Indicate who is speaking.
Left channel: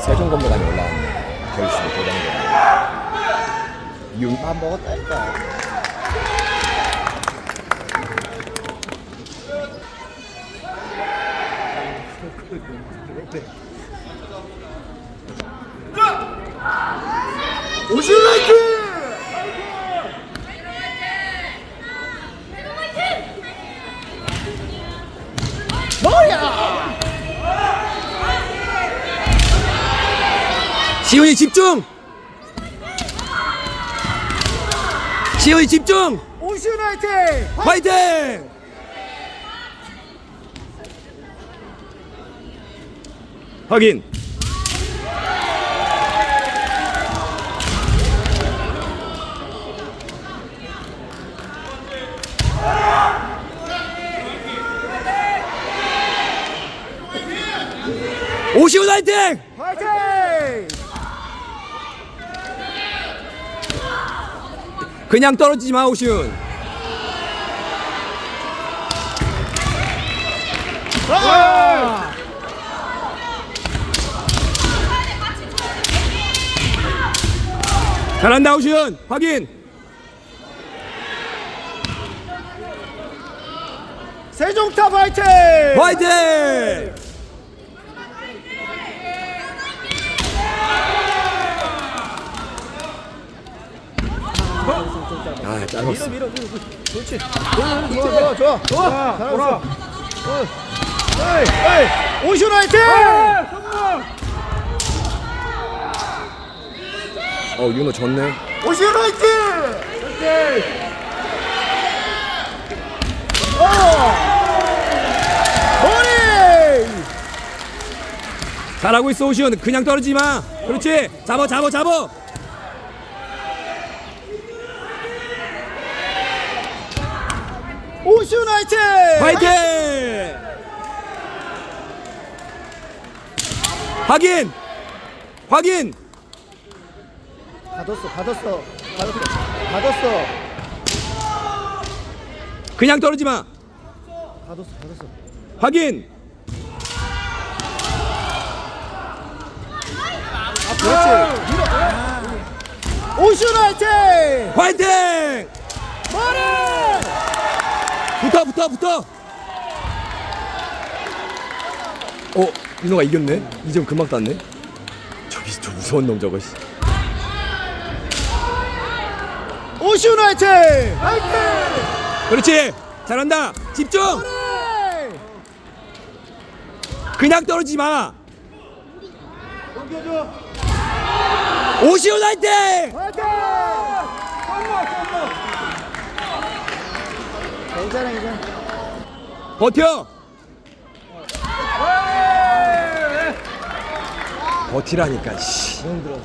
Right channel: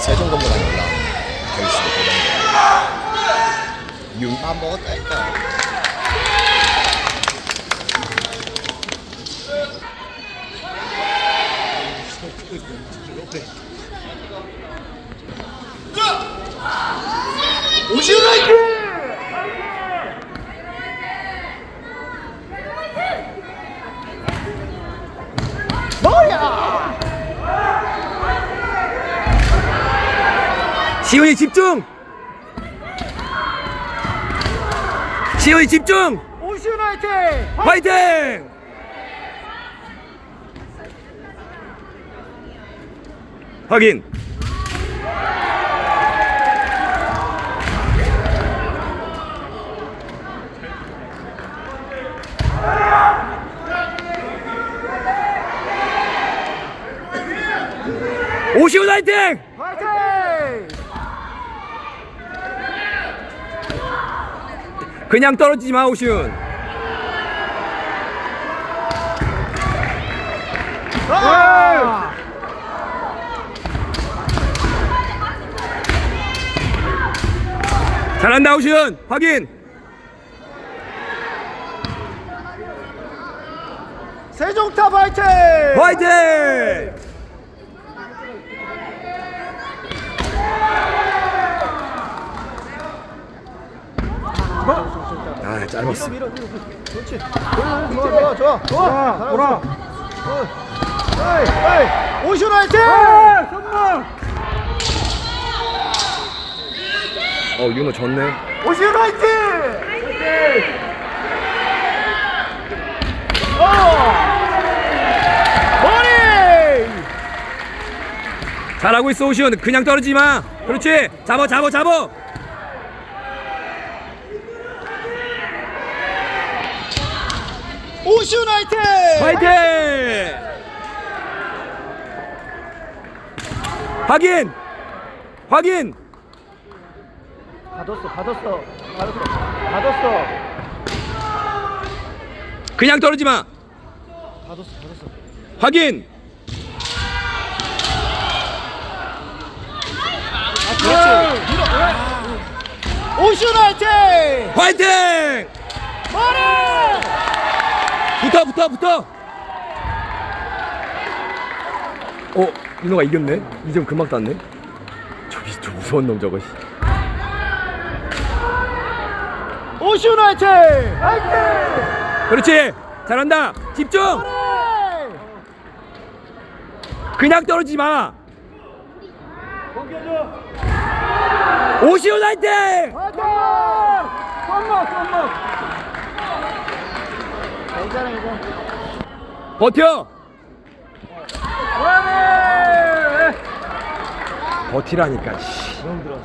Speaker 1: 세종 건물 안에 올라온 결수 고정돼. 육만 먹었다니까.
Speaker 2: 오시라이트!
Speaker 3: 시훈이 집중! 시훈이 집중!
Speaker 2: 오시라이트!
Speaker 3: 화이팅! 확인! 오시훈 화이팅!
Speaker 2: 화이팅!
Speaker 3: 그냥 떨어지지 마 오시훈
Speaker 2: 아!
Speaker 3: 잘한다 오시훈 확인
Speaker 2: 세종탑 화이팅!
Speaker 3: 화이팅! 아 짧았어
Speaker 2: 밀어, 밀어. 그렇지. 좋아, 좋아, 좋아. 좋아. 에이, 에이. 오시라 화이팅!
Speaker 3: 어 윤호 졌네
Speaker 2: 오시라 화이팅! 어! 머리!
Speaker 3: 잘하고 있어 오시훈 그냥 떨어지지 마 그렇지 잡아 잡아 잡아
Speaker 2: 오시라 화이팅!
Speaker 3: 화이팅 확인 확인
Speaker 2: 가뒀어, 가뒀어, 가뒀어, 가뒀어,
Speaker 3: 그냥 떨어지지 마
Speaker 2: 가뒀어, 가뒀어.
Speaker 3: 확인
Speaker 2: 그렇지. 밀어. 오시라 화이팅!
Speaker 3: 화이팅! 붙어 붙어 붙어 어 윤호가 이겼네 이점 금방 땄네 저기 저 무서운 놈 저거 씨.
Speaker 2: 오시라 화이팅! 화이팅!
Speaker 3: 그렇지 잘한다 집중! 그냥 떨어지지 마 오시훈 화이팅
Speaker 2: 화이팅! 썸머, 썸머. 괜찮아, 괜찮아.
Speaker 3: 버텨 버티라니까 씨
Speaker 2: 너무 들어.